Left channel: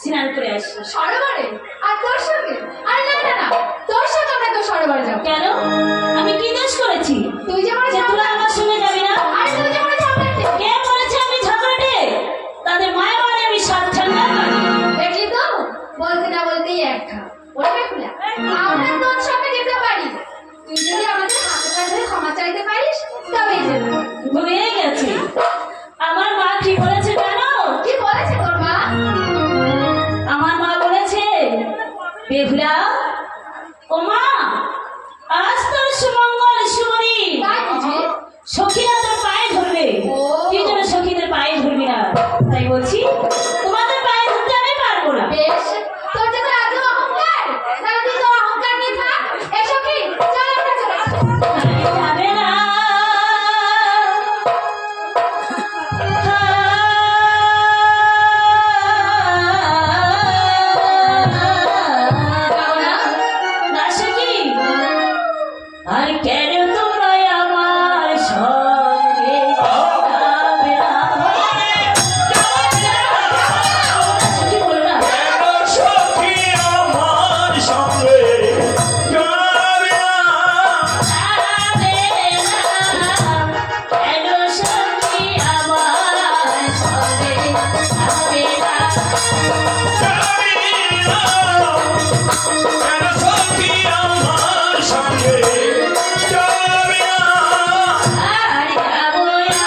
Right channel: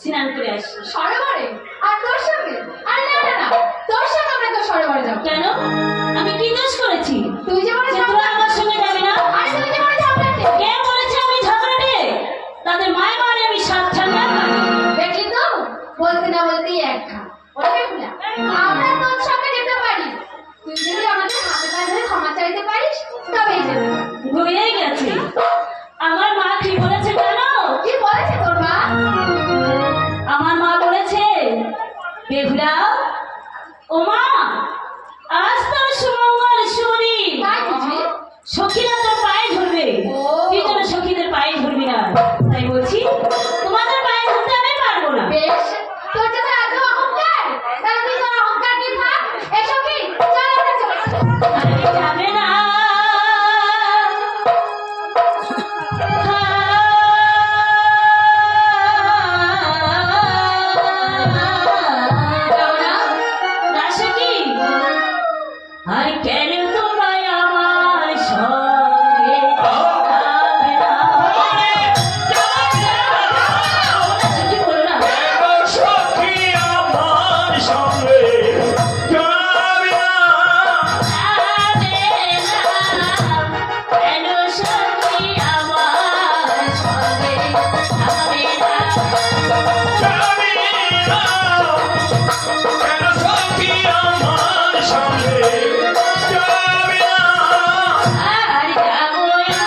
স্নান করে আসি। সরোবরে? আর তোর সঙ্গে? আরে না না না, তোর সঙ্গে আমরা তো সরোবরে যাবো। কেন? আমি কি দোষ করেছি? তুই যে বলে যে তোরা আমার সঙ্গে যাবি না? আরে তুই যে বলে ঝগড়াটে। কে বলেছে আমি ঝগড়াটে? তাদের মায়ের বাড়ি আমি সাত ঠান্ডা। দেখলি তো, বলতে না বলতেই এক ঘা। ওরে ফুলা, আমরা তোর সঙ্গে যেতে পারি, তুই যদি আমাদের হাতে পায়ে ধরে ক্ষমা চাইতে পারিস তবেই যেতে পারি। ভুলে গেছি। আমার মা কি বলেছে জানো? কি বলেছে তোর মা? আমার মা বলেছে, বেহুলা ও মা, আজ তোর সুমঙ্গল সুমনি, তাই বুঝি? সখীরা তোর পায়ে ধরবে। ও। তুই যেন সখীদের পায়ে ধরবি না। তাই বলছি তোমাদের পায়ে ধরতে আমি পারবো না। বেশ, তোর যখন এত অহংকার, তাহলে তুই তোর অহংকার নিয়ে থাক। এসো কি, চল আমরা চলে আসি। আরে যাবে না। যাবো না? না সখী, আর কেন তোমায় আমার সঙ্গে যাবে না? সখী বলো না। সখী আমার সঙ্গে যাবে না। যাবে না। কেন সখী আমার সঙ্গে যাবে না? সখী আমার সঙ্গে যাবে না। আর যাবো আমি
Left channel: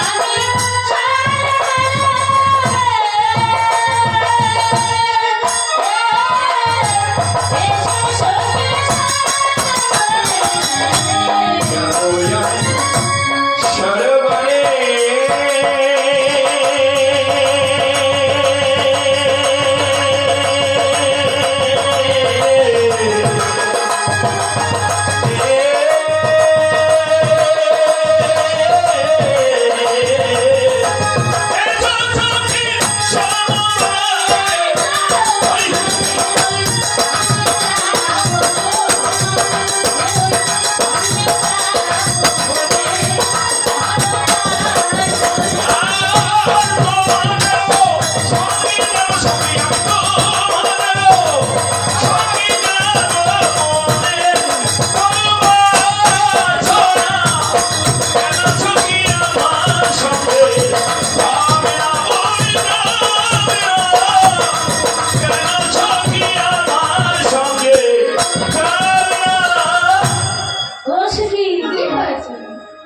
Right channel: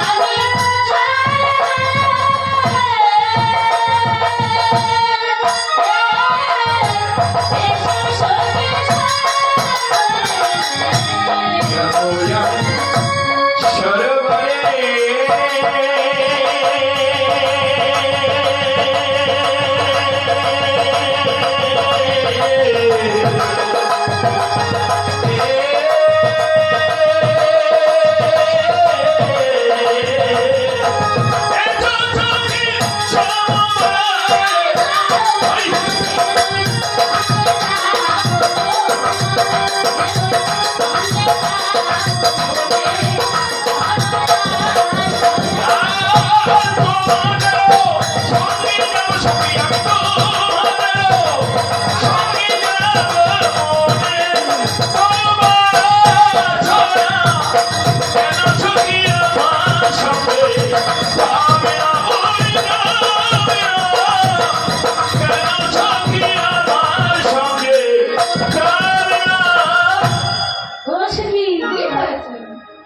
ও সখী, কি হয়েছে?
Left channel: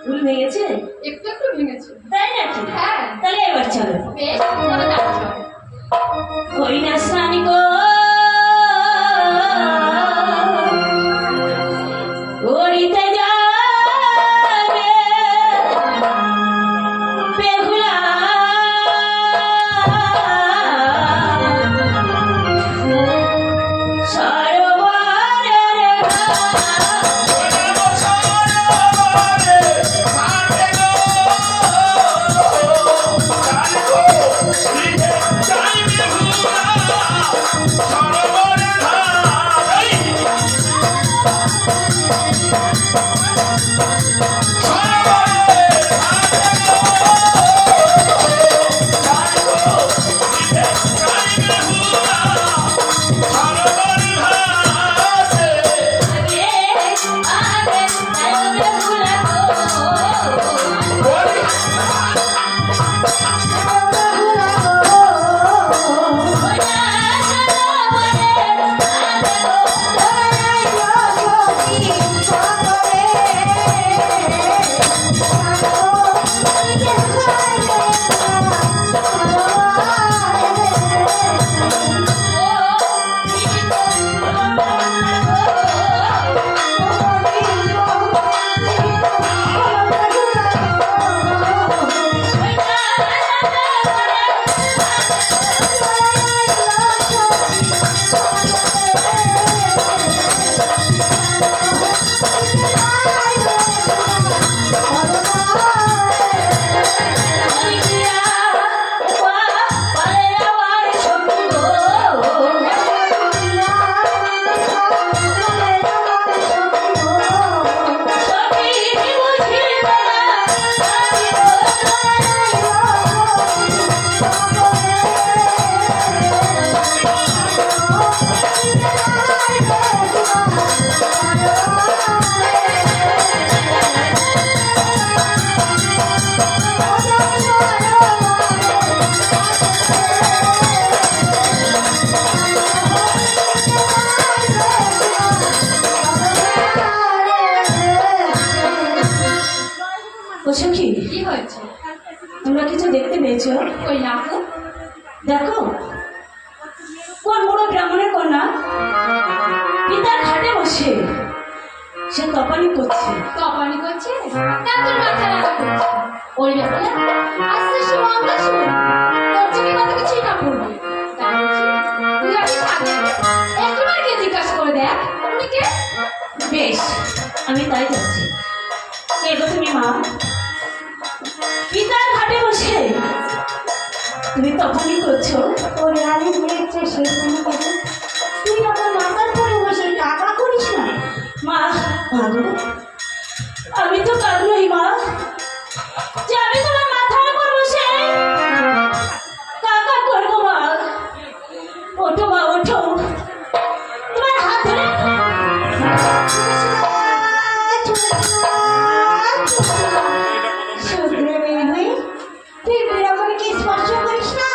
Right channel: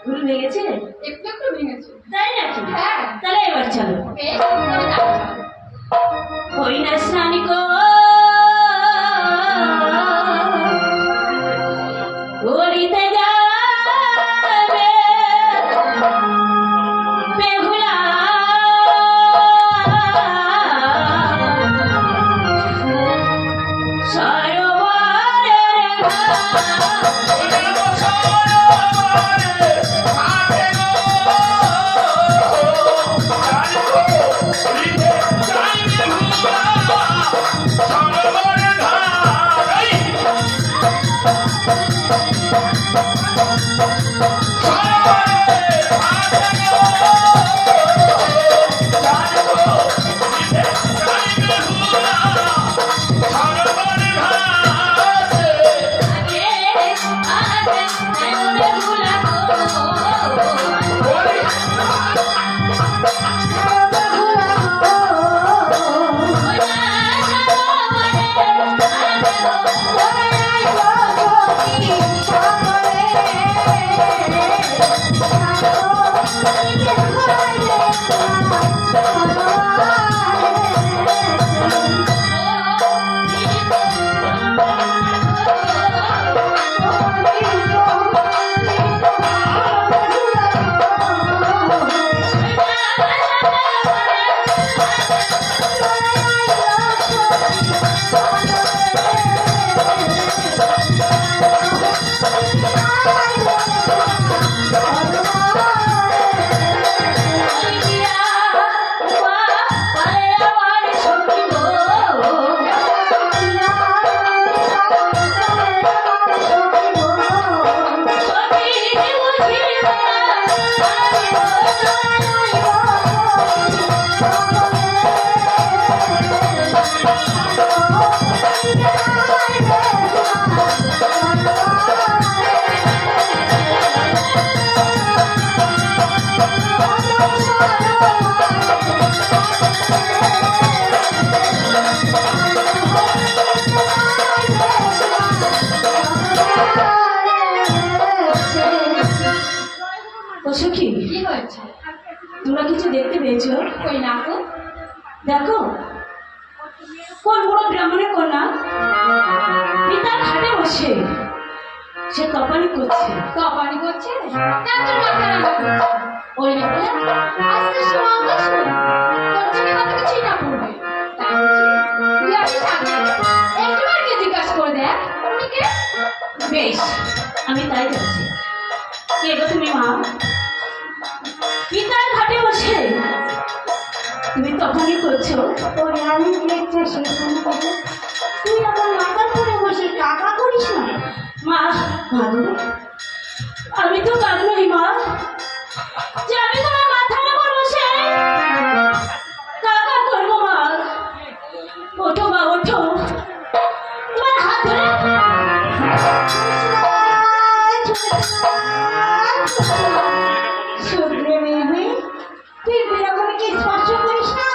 ভুল ভেঙেছে? একটু একটু ভেঙেছে। তাই নাকি? হ্যাঁ। তাহলে এবার চলো। বেশ, তাহলে নাচ চল। হরি না স্নানি গো, হরিতে যাবে বেহুলা, সরোবরের Thank you. বসে সে তপানি করছে। তপানি করছে ডাক্তার মাথা রাখা করছে ওই ব্যাপারে আস্তে সীমা আমরা শুনি তোর চোখে কত কিছুই না পড়বে তাই বলছি তুই আগে সামনে একবার কে জিজ্ঞাসা করে দেখ উনি কে? বেশ, আমি তাই যাচ্ছি। কে গো তুমি মা? পিতার ঘাটে বসে তুমি তপানি করছো? ওরে আমি দেখছি সেই কোনো কথা তুই আমার মাথার পরে বসে টাকা করিস না মা, মা গো, আমি তো কাঁদলই মা, যে আমি তোমার মাথার উপর বসে কাকা করবো। মা ওঠো, মা ওঠো, তোমার হাত ধরে শুধরে মেয়ে হয়ে তুই বীরভূমিকে স্পর্শ করিস না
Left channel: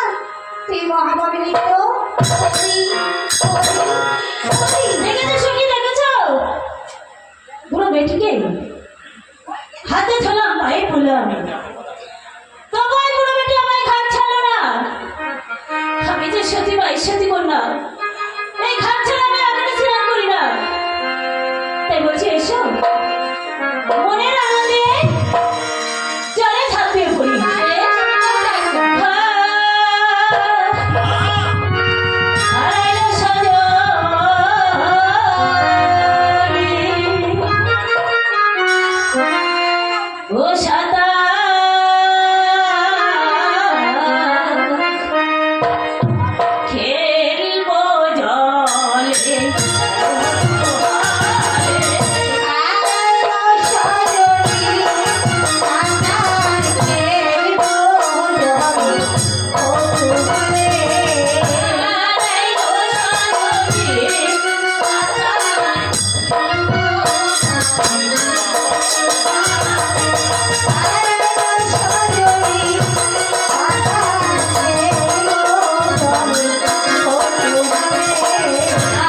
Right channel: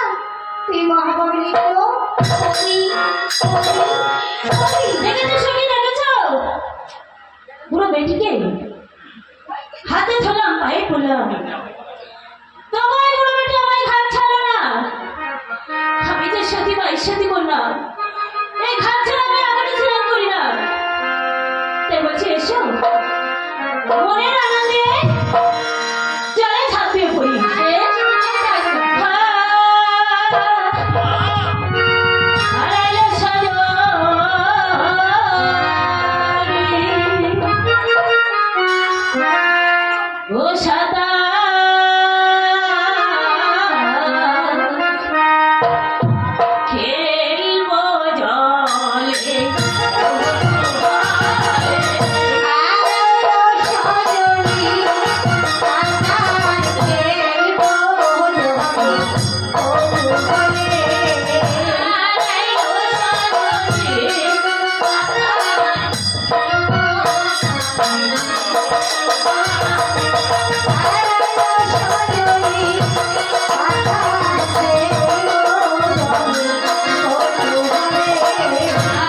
তুই মহাভাবের তো দেখেছো সখী, দেখেছো বুড়ো বেটিকে হাতে ধরলাম, পায়ে পড়লাম, তবু এই বুড়ো বেটি আমায় ঘাট ছাড়লো না। আমি যে সতী বা ঈশ্বতী কন্যা, এই ঘাট ছাড়া আমি আগুনে স্নান করি না। তাই বলছি এসো, মনের আনন্দে জলে ঝাঁপ দিয়ে পড়ি। হারাইলো সজনী, ও সাদা খেলবো জলে, হারাইলো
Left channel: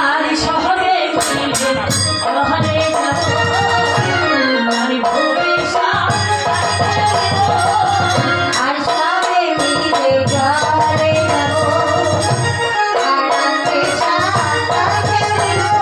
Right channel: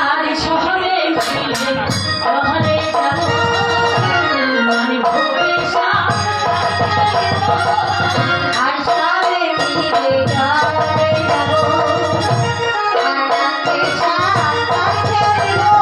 আর শহরে ফিরবে, শহরে যাবো, আমি ভোরে আর সবে মিলে ঘরে যাবো আনন্দে সাঁতার ফেলবো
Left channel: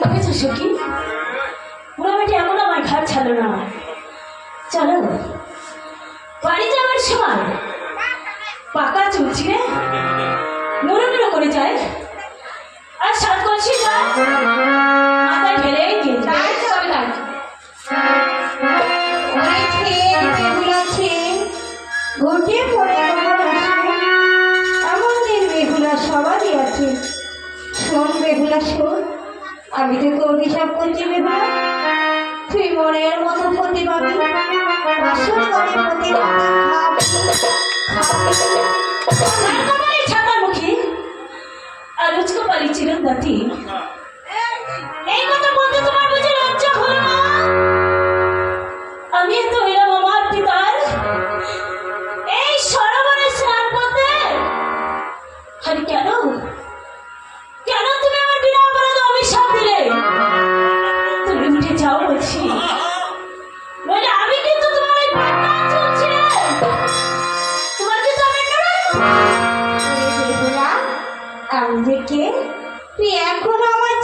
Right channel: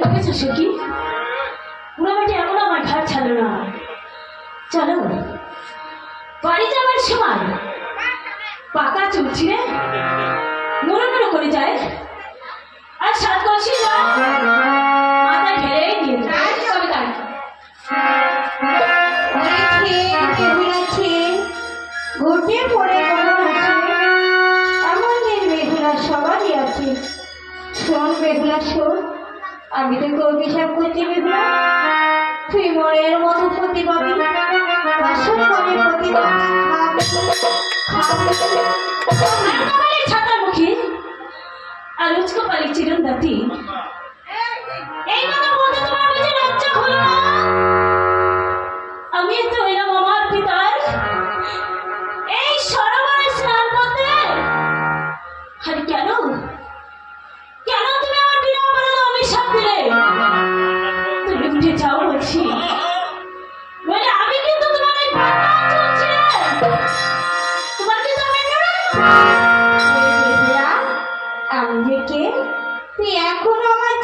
দেখেছো সখী, বুড়ো বেটি এখন আমার ঘাট ছাড়লো না। চলো বাড়ি যাবার সময় পাকা চুল ছিঁড়ে নুরো নুরো করে যায়, আর সাত কলসি জল মাথায় ঢেলে দিয়ে যায়। তাই তবে তাই ঘুরতে পড়ে এমন দিন বেহুলা সবারই আছে। শোন বেহুলা শোন, আমি তোকে অভিশাপ করছি বেহুলা, তুই মনের মতো প্রতি পাবি, আসল করে প্রতি পাবি কপালে ছাতার মুখী আর উচকো পালি চিরন দাতি, এই কথা বলতে তোমার বুঝে লজ্জা হলো না? আমি তো এলাম আমার পিতার এই সরোবরে স্নান করতে, আর কেন কেন তুমি আমার বিনা অপরাধে অভিশাপ দিলে? তুমি উঠে যাও বলছি, নইলে আমি কিন্তু তোমার এই পাকা চুল ছিঁড়ে তোমার কিন্তু আমি বেহুলা, আমি যে কে তুই এখনো আমার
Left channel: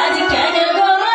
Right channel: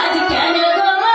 আজ কেন গো মা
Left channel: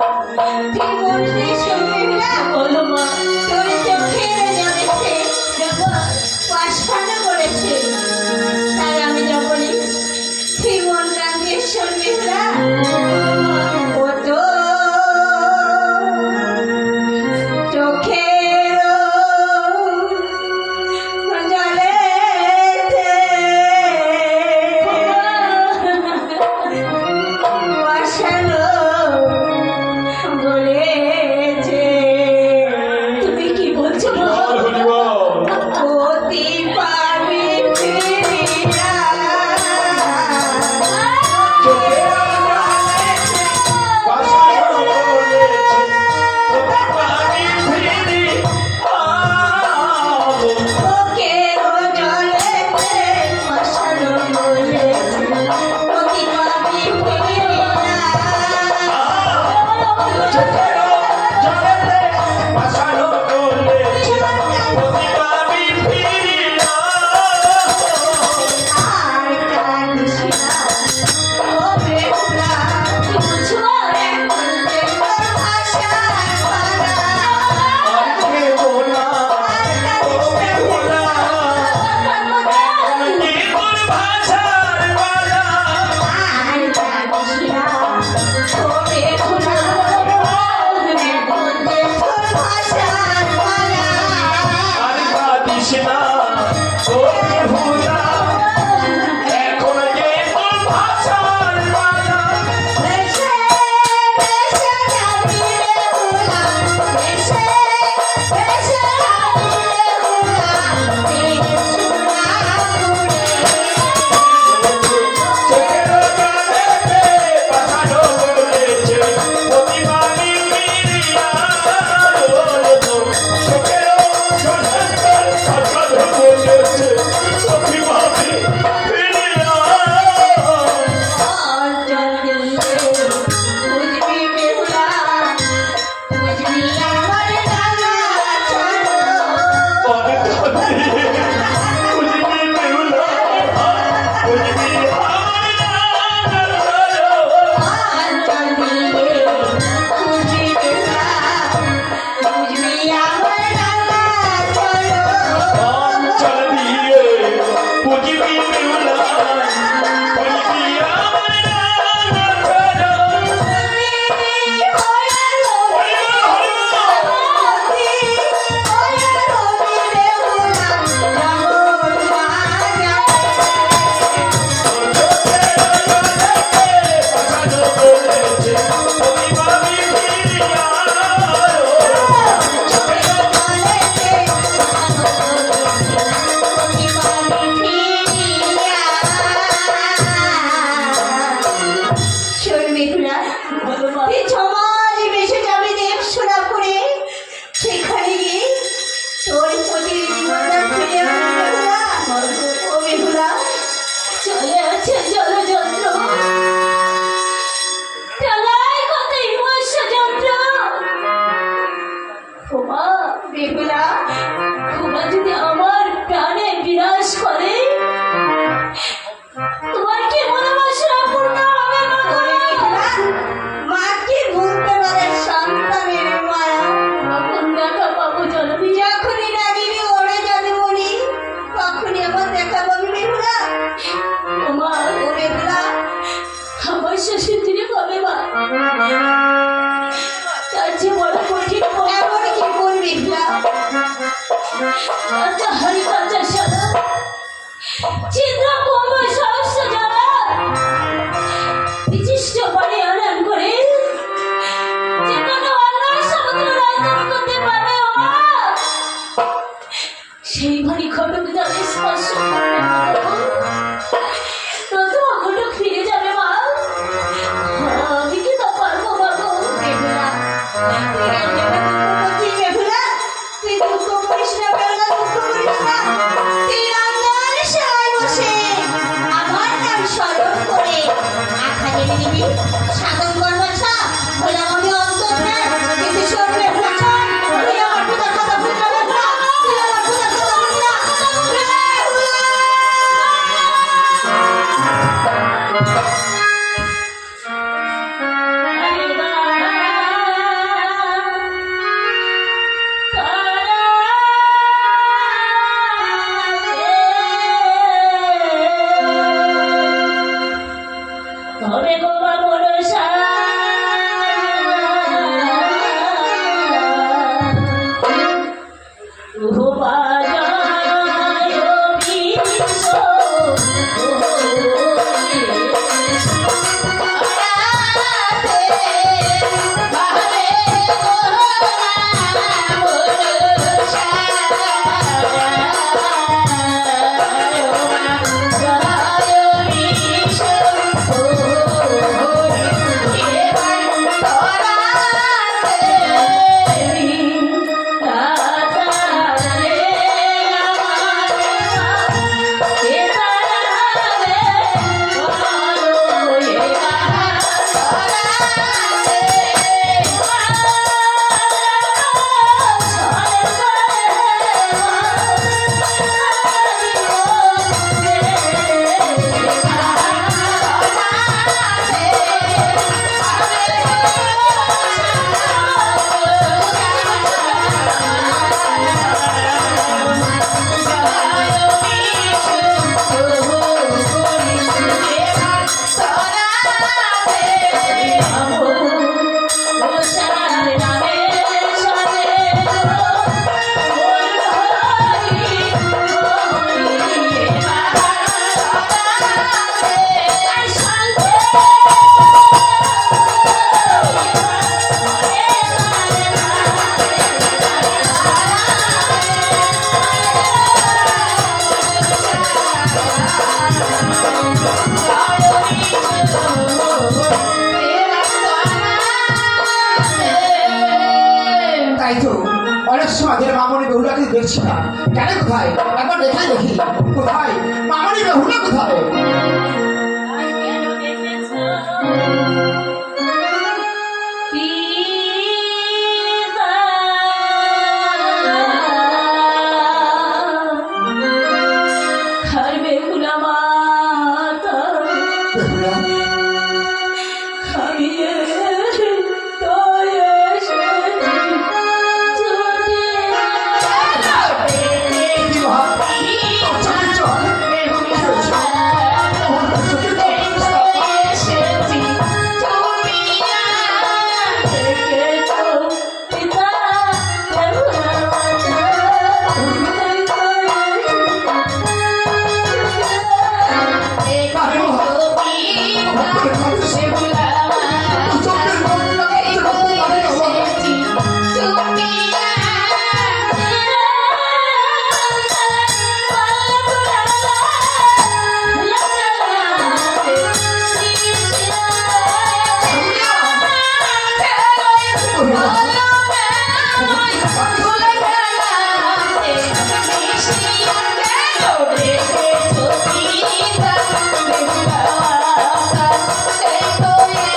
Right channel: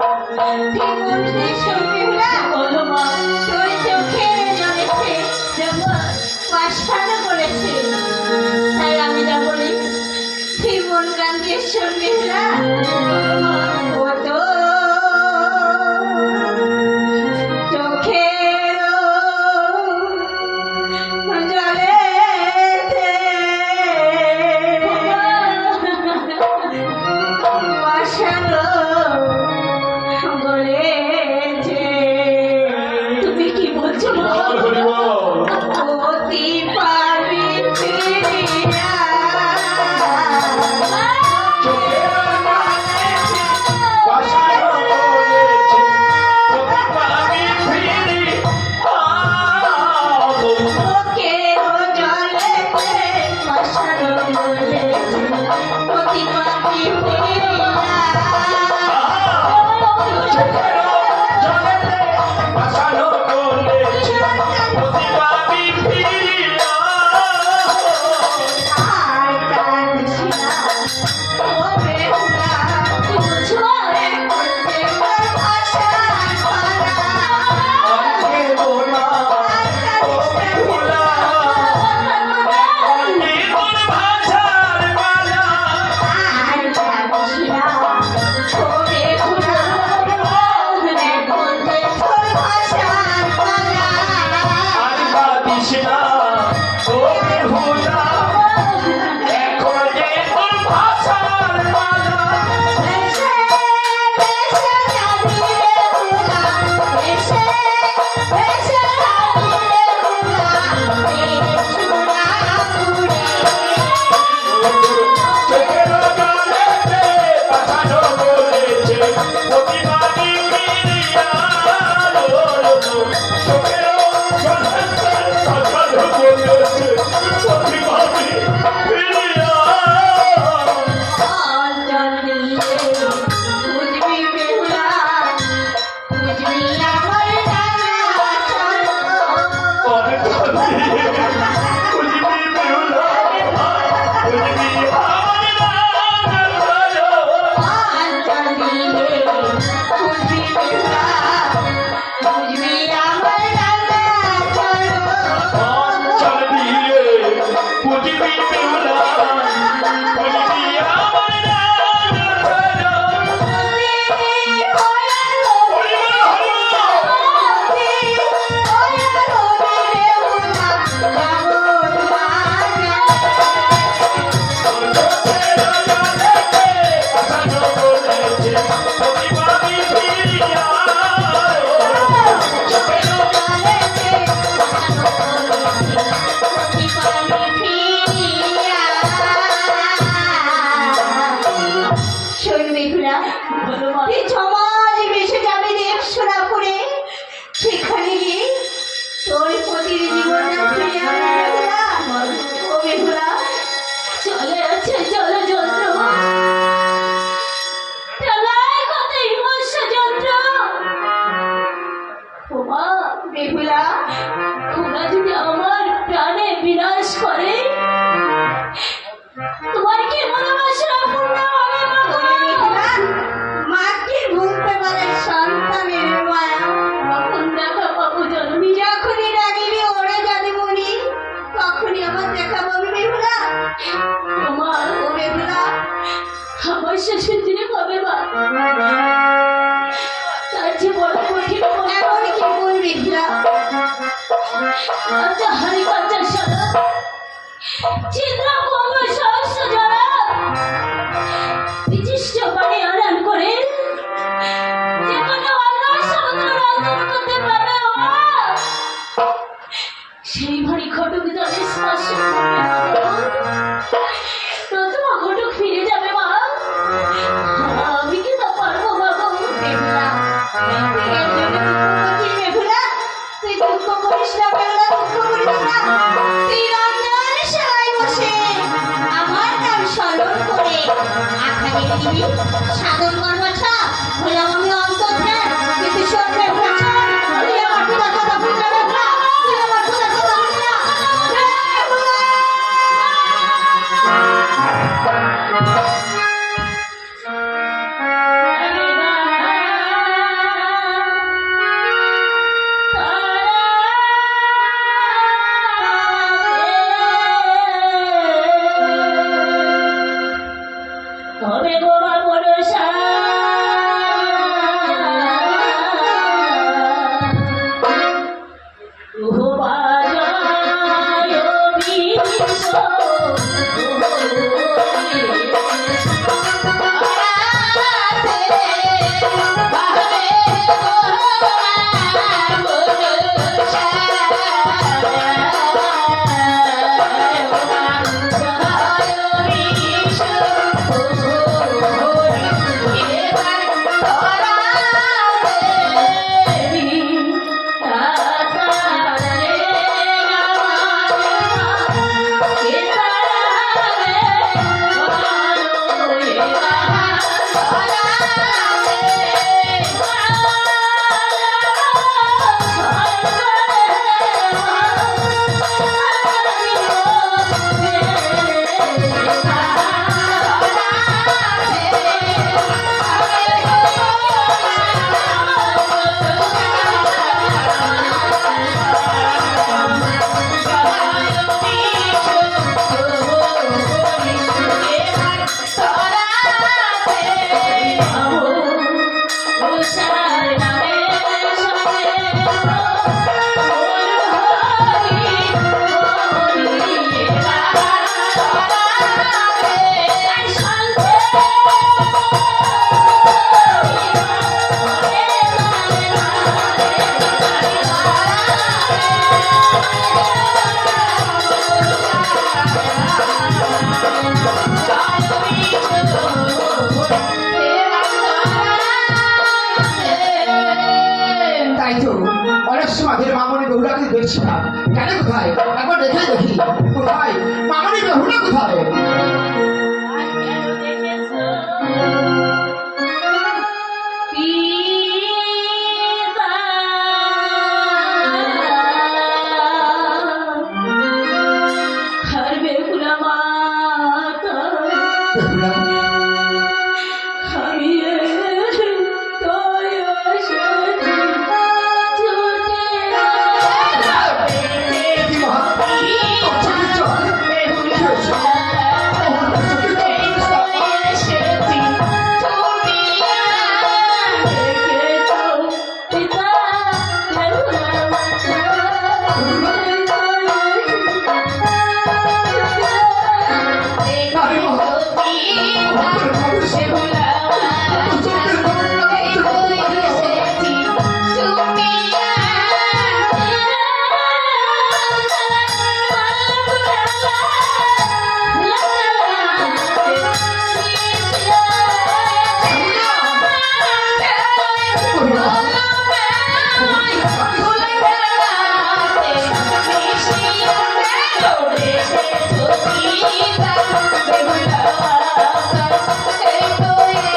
ঠিক বলছিস শোন বেহুলা, বলো মা। তোর চোখে জলেছে যখন পাশখানা করেছে, তাই আমি যা বলি তুই মন প্রাণ দিয়ে শোন বেহুলা। ও তো চোখের জলেছে পাশানো গলেছে। তুমি কি বলছো মা? হরিবল অতি পাবি ফিরিয়া। চোখের বাসানো বলেছে আমি ফিরি পাবো চোখের জলেতে পাশানো গলেছে, অতি পাবি ফিরিয়া। চোখের জলে বাসানো বলেছে আমি ফিরি আর কাঁদিস না, ও বেহুলা, কি বলছো মা? এখন দেখবার ভাষার পালা। আজকে বোনা ও বেহুলা জীবন ভাষার মালা আর কাঁদিস না, ও বেহুলা, এখন দেখবার ভাষার পালা। আর কাঁদিস না ও বেহুলা এখন যে তোর ভাষার মালা বেশে বেশে জানি বেহুলা, বেশে বেশে জানি বেহুলা, এই সোনা উড়ে। চোখের জলেতে পাঠানো বলেছে প্রতিবাদী ফিরিয়া বলবো চোখের জলেতে পাঠানো বলেছে প্রতিবাদী ফিরিয়া অঞ্চল দিয়ে বুঝবি বেহুলা, বুঝবি আমার ডালা চলো। অঞ্চল দিয়ে বুঝবি বেহুলা, বুঝবি আমার ডালা চলো। বলো মা। সেখানে গিয়ে তোর প্রতিটি জীবনটা ফিরে আসবে ও বেহুলা। চলে আছে জলযন্ত্র, প্রলয় কত হিংস্র যন্ত্র। ও মা, বেহুলা, তোমরা যদি আমার প্রাণে বিনাশ করে তোমার কি মনোবাসনা পূর্ণ হবে মা গো? মাকে ভুলতে পারে সন্তানের মায়া। কখন দেখা পাবো জননী? যখনই রানীর ওড়ে যাবে মনি, তখনই আমার দেখা পাবে বেহুলা। ও মা, ও বেহুলা, আমার শ্বশুর দিনে পাবে মা, তার যে বড় কঠিন এমন কি কোন বেহুলা? আচ্ছা হারি কাঁচা সাদা চিত্র পূর্ব সহস্র যারা বিশিষ্ট বাণী আদান করে যে কোনো অন্যায় সমুদ্র রাজধানী করতে পারবে ও মা। সেই ভারী ঘটক জলে স্পর্শ করবে মা গো। প্রথম ঘটক ফিরে যাবে মা, আমি কি তা পারবো মা গো? বেহুলা, তুই এর জন্য দুঃখ করছিস বেহুলা? তুই দুঃখ করিস না বেহুলা, দুঃখ করিস না। তুই রান্নার সেবায় বসে আমার নাম স্মরণ করে আখানে নিবি সাধন করবাছা। বললাম আমি অন্তর্ধান, কিন্তু শোন বেহুলা, শোন, তুই আমার পিতার কথা ভুলবি না বেহুলা, তুই আমার পিতার কথা ভুলবি না। বেহুলা! তাই তো অনেক সময় ধরে মামনি বেহুলাকে দেখছি না, কেন কোথায় একবার দেখে দেখি কোথায় মামনি বেহুলা কোথায়। কেন দেখেছো পিতা? আর বেহুলা মাতা বেহুলা আমি তো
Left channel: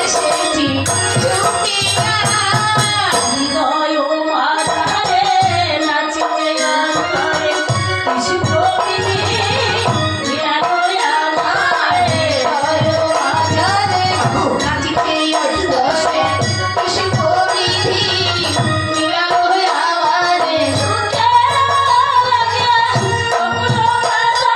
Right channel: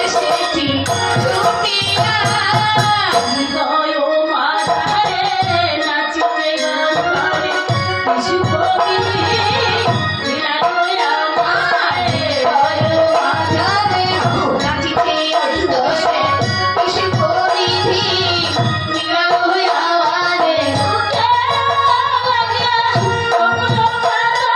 এসেছি ছুটে। কি মহা চল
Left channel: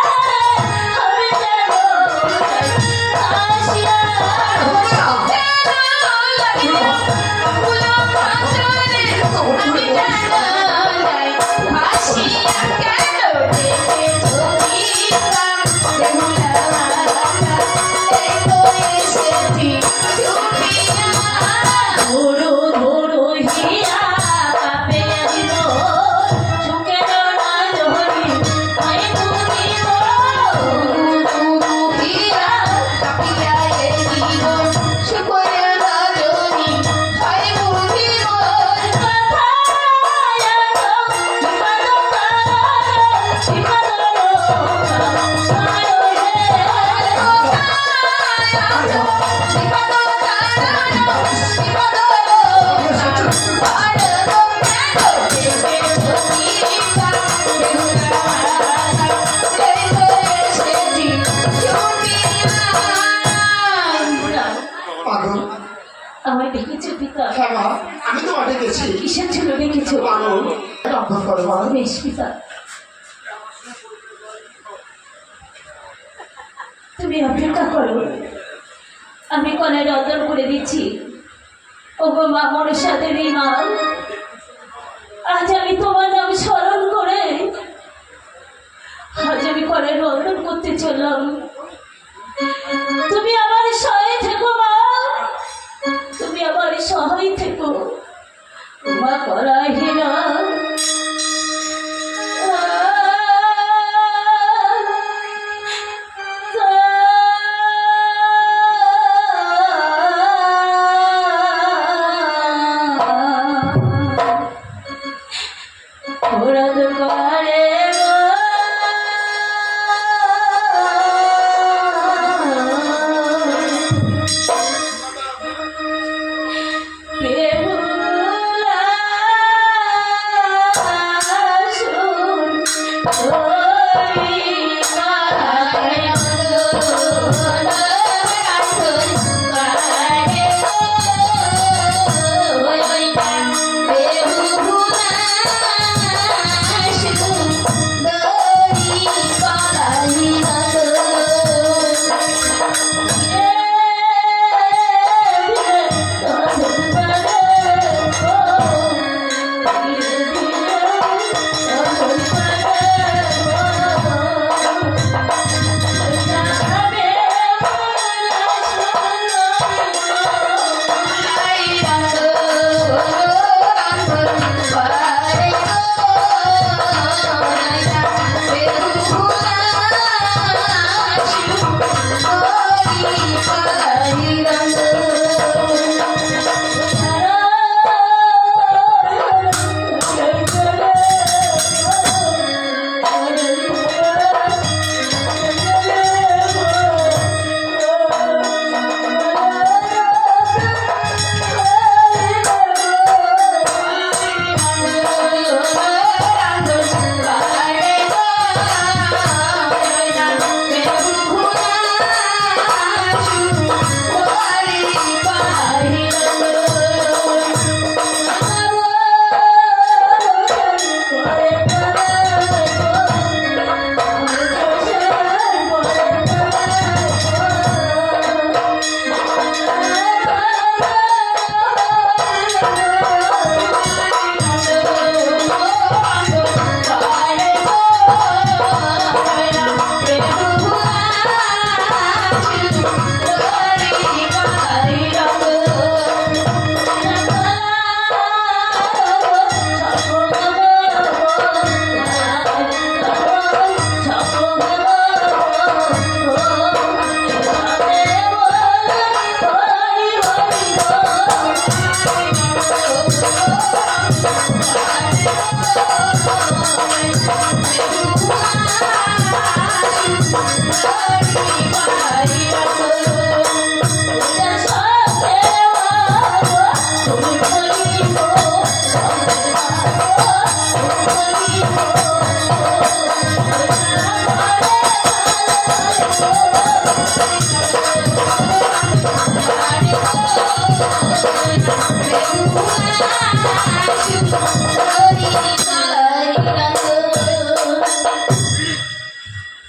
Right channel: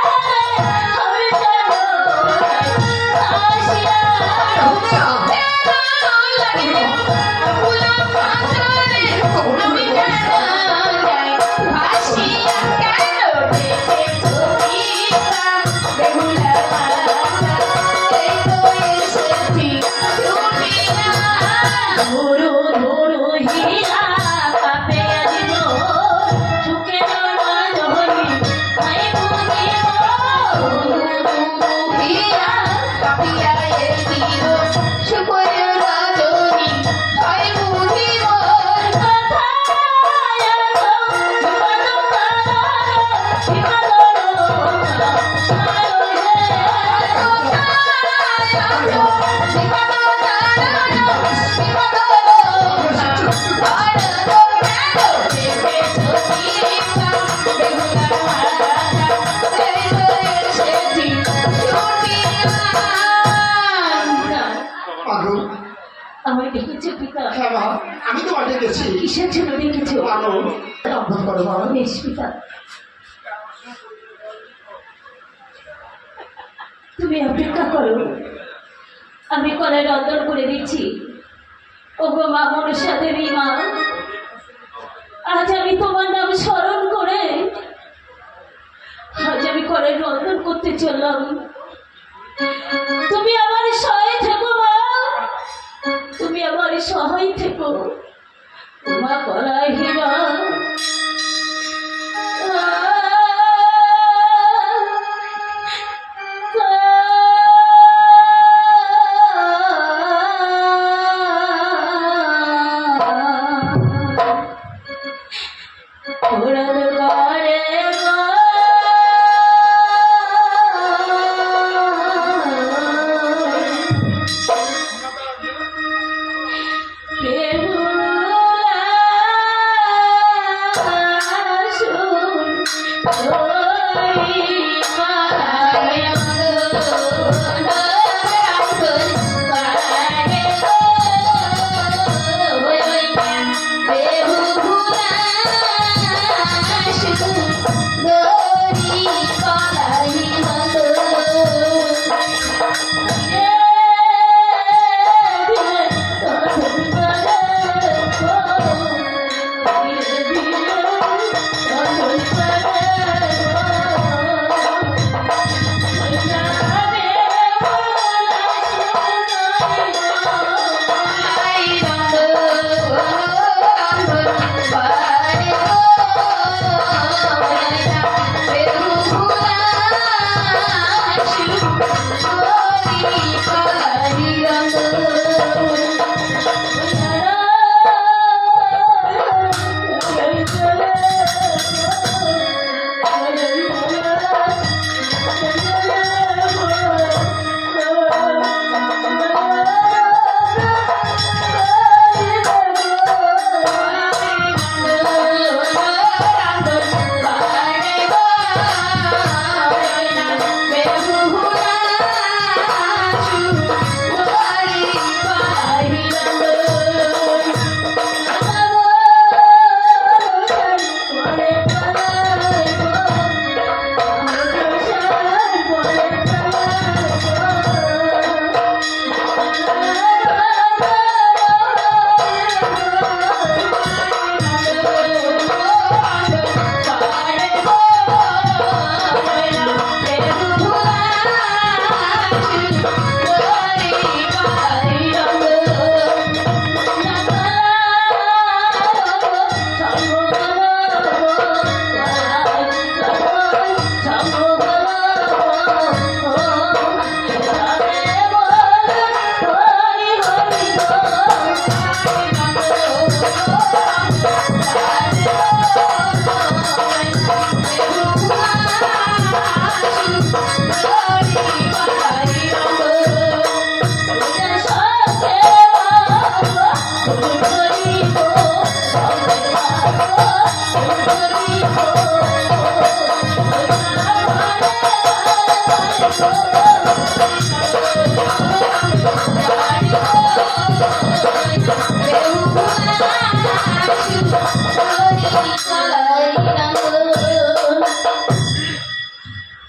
চল কি হয়েছে? ধরো ধরো হীরা কাপে দিব সুখে ধরি আই মুখে হীরা কাপিয়া দিব সুখে ধরি আই মুখে কথা মাগো আমায় ডেকেছো পিতা? হ্যাঁ মা, আমি তোমাকে গেছি কিসের জন্য ডেকেছো? মাগো অভ্যাস করো মা। বেশ পিতা, তুমি অপেক্ষা করো, আমি কলায় রন্ধন করে দিচ্ছি। ওগো মা মনসা দেবী মা, আজ আমি তোমার নাম স্মরণ করে আজ আমি কলায় রন্ধন করতে চললাম। তুমি আমার সহায় থেকো মা, তুমি আমার সহায় থেকো মা কলায় হীরা।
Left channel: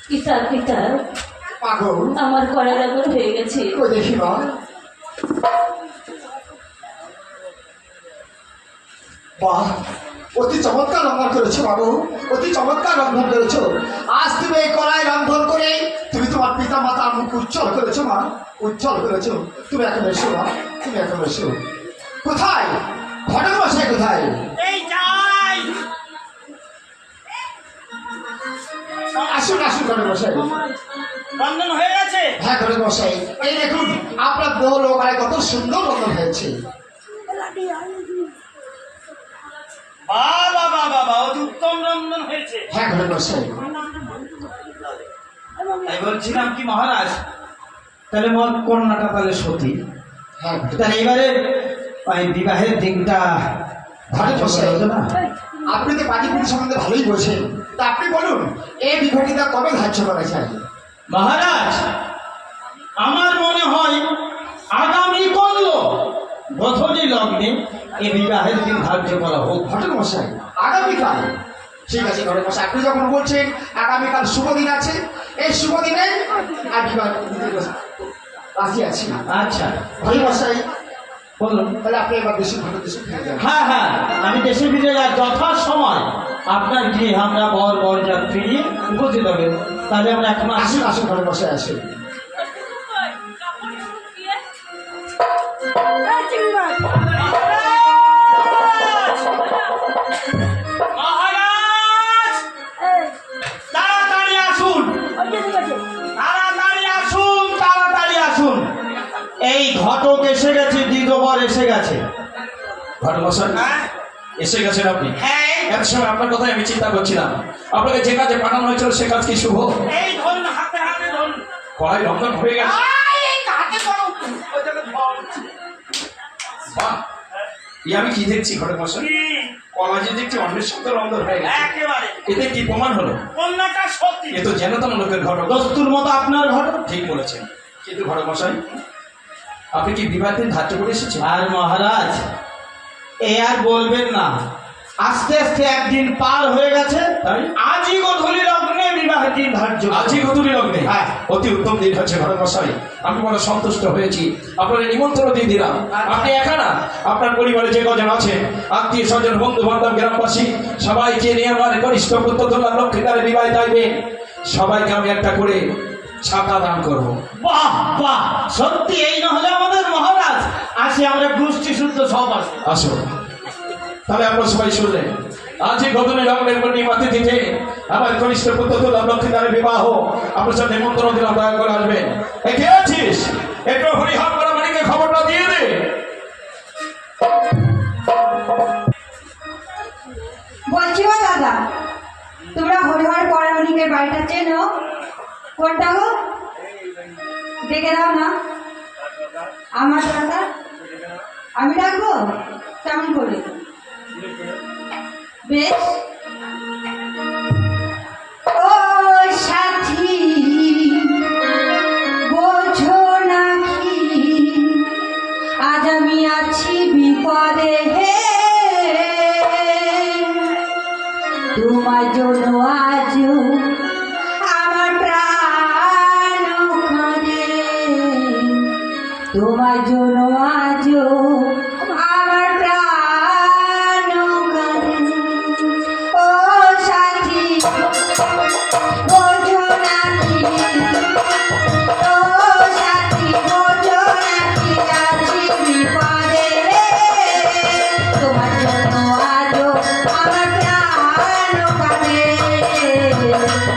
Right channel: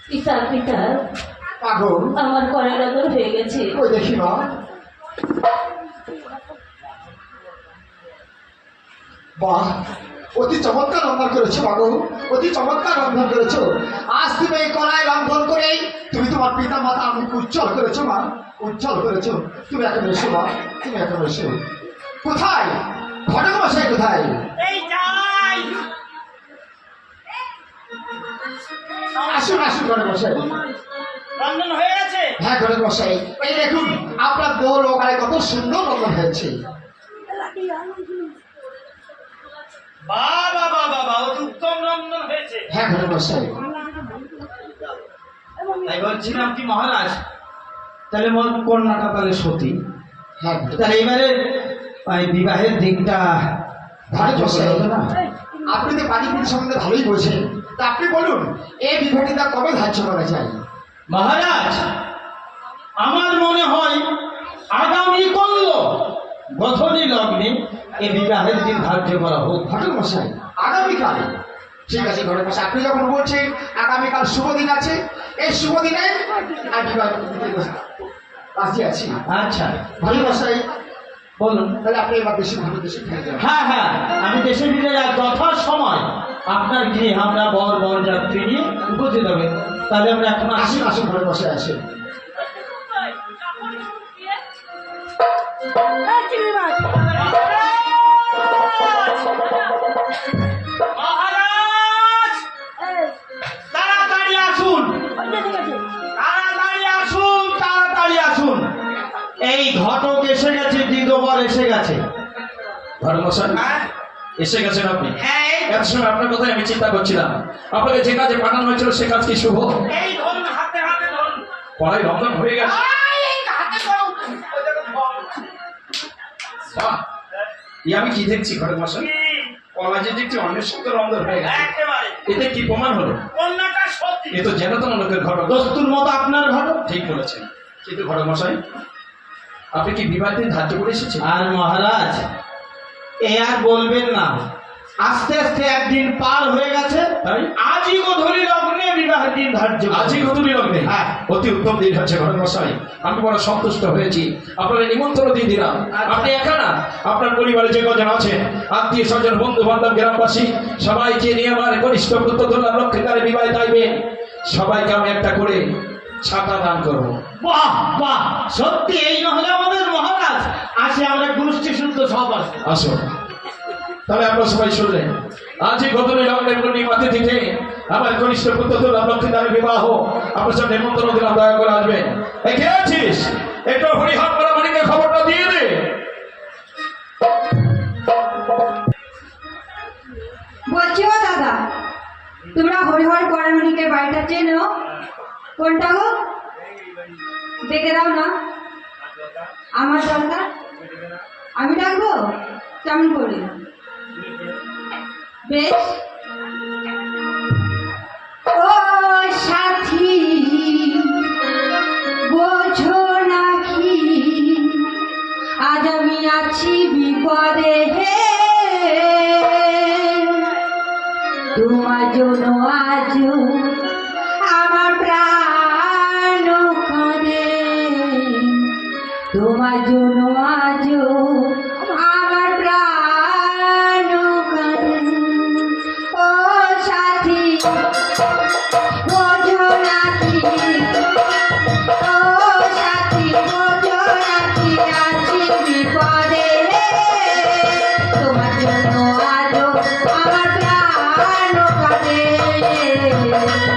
পিতা পিতা আগো আমার কড়ার আগুন হয়ে গেছে। ও দেখি মা। বাহ, অতি চমৎকার রন্ধন করেছো বাবু, অতি চমৎকার রন্ধন করেছো। আজ তুমি এই কড়াই রন্ধন করে তুমি তোমার পিতা মাতার মুখ উজ্জ্বল করেছো মা, উজ্জ্বল করেছো। তুমি এখন এসো মা, তুমি এখন এসো। কোথায় ঘটক মশাই, কোথায়? এই যাই আসুন আসুন ঘটক মশাই। রন্ধন হয়ে গেছে। হ্যাঁ ঘটক মশাই, এই দেখুন আপনার দেহ লোকালে কত সুন্দর রন্ধন হয়েছে। বাবা বাবা বাবা, অতি উত্তম রন্ধন হয়েছে। হ্যাঁ ঘটক মশাই। তাই বলছিলাম কি মহারাজ, তাহলে মোর কন্যাটা তাহলে সতী, হ্যাঁ ঘটক। তাহলে এবারে ওই বিবাহের দিনটা ঘটক মশাই, হতো না? আপনি তো পানিপুরি সম্বন্ধে ভালোই বোঝেন, তা আপনি বলুন এই বিবাহটা কবে ধার্য করা যায়? মহারাজ, আমার মনে হয় আগামী কল্য বধনী লগ্নে এই বিবাহের দিন ধার্য করা হোক। ঘটক মশাই আগামীকাল? ঠিক আছে ঘটক মশাই, আপনি যখন বলছেন আগামীকাল শুভ দিন আছে, এই শুভ দিনে আমি বিবাহ দিতে রাজি আছি। আচ্ছা ঘটক মশাই বলুন। তাহলে আপনি এবার দেশে ঘটক দেশে ফিরে যাবেন। হ্যাঁ হ্যাঁ, আমি দেশে ফিরে যাওয়ার যথা সময় আপনার গৃহে আমরা বর যাত্রী নিয়ে উপস্থিত হবে। তাহলে আমরা এখন আসি। আসুন আসুন ঘটক মশাই আসুন। মহারাজ তাড়াতাড়ি আসুন, তাড়াতাড়ি আসুন, তাড়াতাড়ি আসুন। এই ঘটক এসে গেছে, দ্বিধবর এসে গেছে। ধর্মসন হ্যাঁ এসে গেছেন আপনি। হ্যাঁ, এত সময় আপনার কথাই আমি চিন্তা করছিলাম। আপনাকে যে কাজে পাঠানো হয়েছিল সে কাজ কি শুভ? এই ধরুন, হাতে হাতে ধরুন। কড়াই রন্ধন হয়ে গেছে। এই হাতে ধরো, ওই জায়গায় ধর। বাহ, ই আমি কি দেখছি ঘটক মশাই? কি? কড়াই যে দেখছি অন্যের সাথে রন্ধন হয়ে গেছে। একেবারে এতে কি প্রমাণ হলো? কন্যাটা সত্যি। এ তো যেন তেন লোকের ঘটক। দস্তুর মতো আপনার ঘটক। ঠিক বলেছেন, কিন্তু ঘটক মশাই আপনি কি বিবাহ দিন ধার্য করে এসেছেন? আর মহারাজ, এ আর বলবেন না, আস্তে আস্তে একদিন পার হয়ে গেছে। তাই আজই গোধূলি লগ্নে বিবাহের দিন ধার্য। আজই গধূলি লগ্নে। হ্যাঁ। অতি উত্তম দিন হচ্ছে ঘটক মশাই, আমি বড় সন্তুষ্ট হয়েছি। আপনার নিমন্ত্রণ দিয়ে দিলাম। আপনি একা না, আপনার পরিবারে যে কজন আছে আত্মীয় স্বজন বন্ধু বান্ধব গ্রামবাসী সবাইকে নিয়ে আমার কনিষ্ঠ পুত্র ধরলাম লক্ষ্মীকারে বিবাহ চাইবেন। সবাইকে আমি একটা করে ছাতা দান করবো। বাহ বাহ, সত্যি এই না হলে আমাদের মহারাজ। আসি আমরা গোষ্ঠী শুদ্ধ সব আসি। আসুন তাহলে আপনারা সবাই শুনলেন, আজই গধূলি লগ্নের পূর্ণিমা তিথিতে আমার কনিষ্ঠ পুত্র ধরলাম লক্ষ্মীকারে বিবাহ। আপনার সাথে নিমন্ত্রণ দিলাম, দয়া করে আসবেন। এ কে আছিস? একটু হরিহর করা মানিকে খবরটা দিয়ে দে। বলছি ও দাদা, তোমরা হরিহর পরামণিকের বাড়িটা চেনো? কোনটা গো? ডেকে দাও না আমার দাদা। আমি ডাকবো কেমন করে? বেশ। ও সাথী বোঝো নাকি আজ আমি আছি বিপদে, তোমার জন্য আজ আমার প্রাণ কাঁদে, তোমার জন্য আজ আমার প্রাণ কাঁদে। ও সাথী বোঝো নাকি, ও সাথী বোঝো নাকি আছি বিপদে, তোমার জন্য আজ আমার প্রাণ কাঁদে,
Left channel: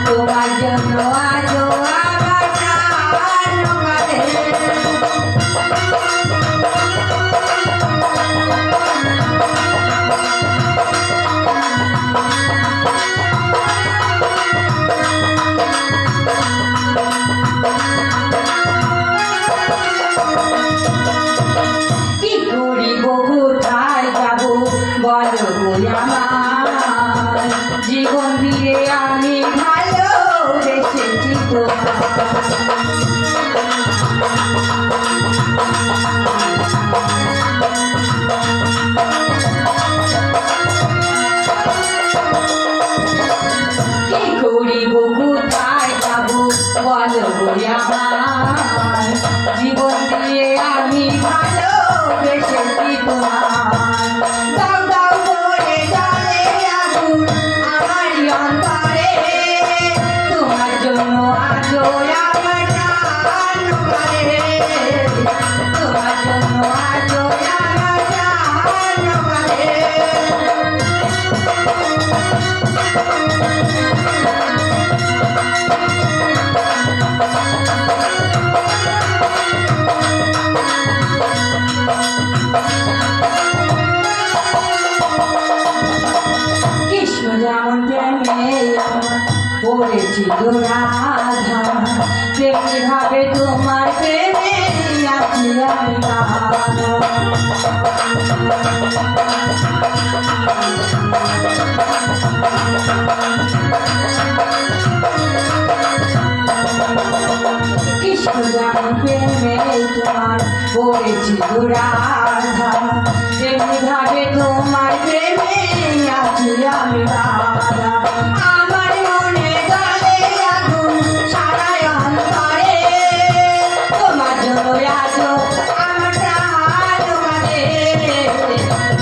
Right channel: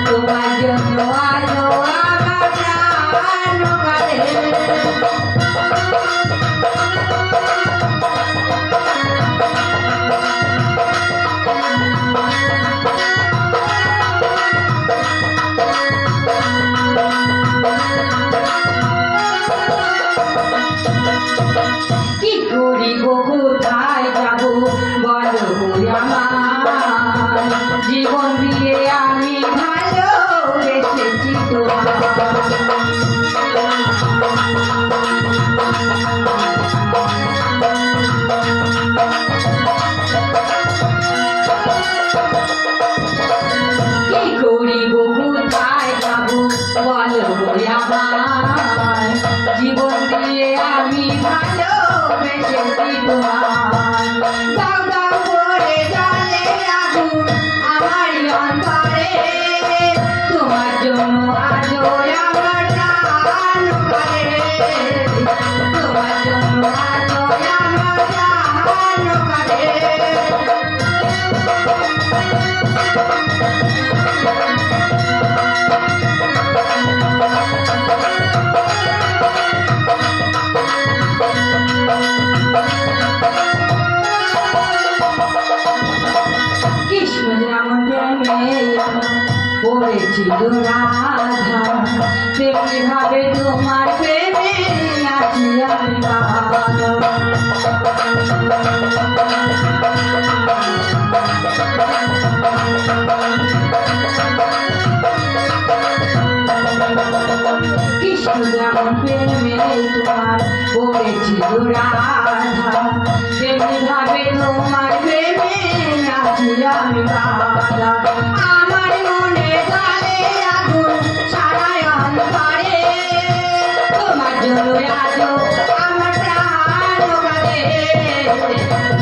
তোমার জন্য আজ আমার প্রাণ কি করিব কোথায় যাব বলো আমার, জীবন দিয়ে আমি ভালোবেসেছি তোমার। ভালোবেসেছি তোমায় দাও দাও করে জ্বলে আগুন আমারই অন্তরে তোমার জন্য আজও আমার প্রাণ করে তোমার জন্য আজও আমার প্রাণ করে কৃষ্ণ যেমন প্রেমে পড়েছিল রাধা তেমনি ভাবে তোমার প্রেমে আছি আমি কৃষ্ণ যেমন প্রেমে তোমার পড়েছিল রাধা তেমনি ভাবে তোমার প্রেমে আছি আমি বাধা আমার মনে জ্বলে আগুন সারায়ণ করে তোমার জন্য আজও আমার প্রাণ কাঁদে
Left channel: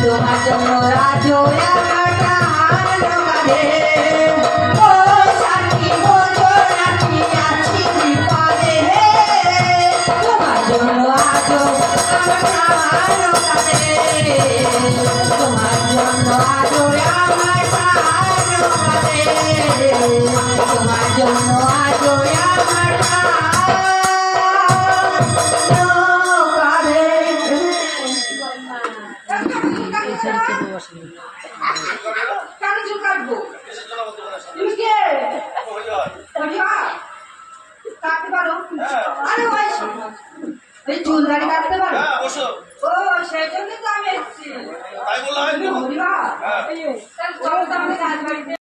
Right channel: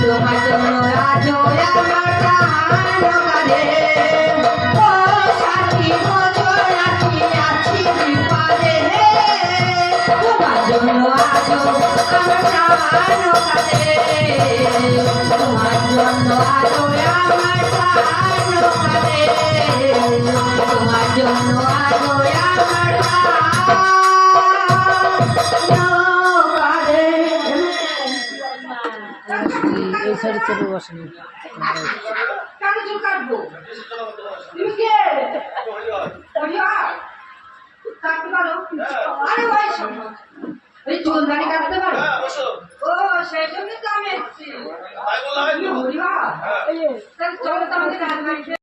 তোমার জন্য আজও আমার প্রাণ কাঁদে ও সাথী বোঝো নাকি আছি বিপদে তোমার জন্য আজও আমার প্রাণ কাঁদে তোমার জন্য আজও আমার প্রাণ কাঁদে তোমার জন্য আজও আমার কেন চুল কাটবো তুমি কে কাটতে পারো আরে ভাই এই চুল দাড়ি কাটতে পারো হ্যাঁ বসো ও সেই জন্য তো আমি এসেছি তাই বললে হয় হরিবা এই চলো তো আমাদের কাজ বাড়িতে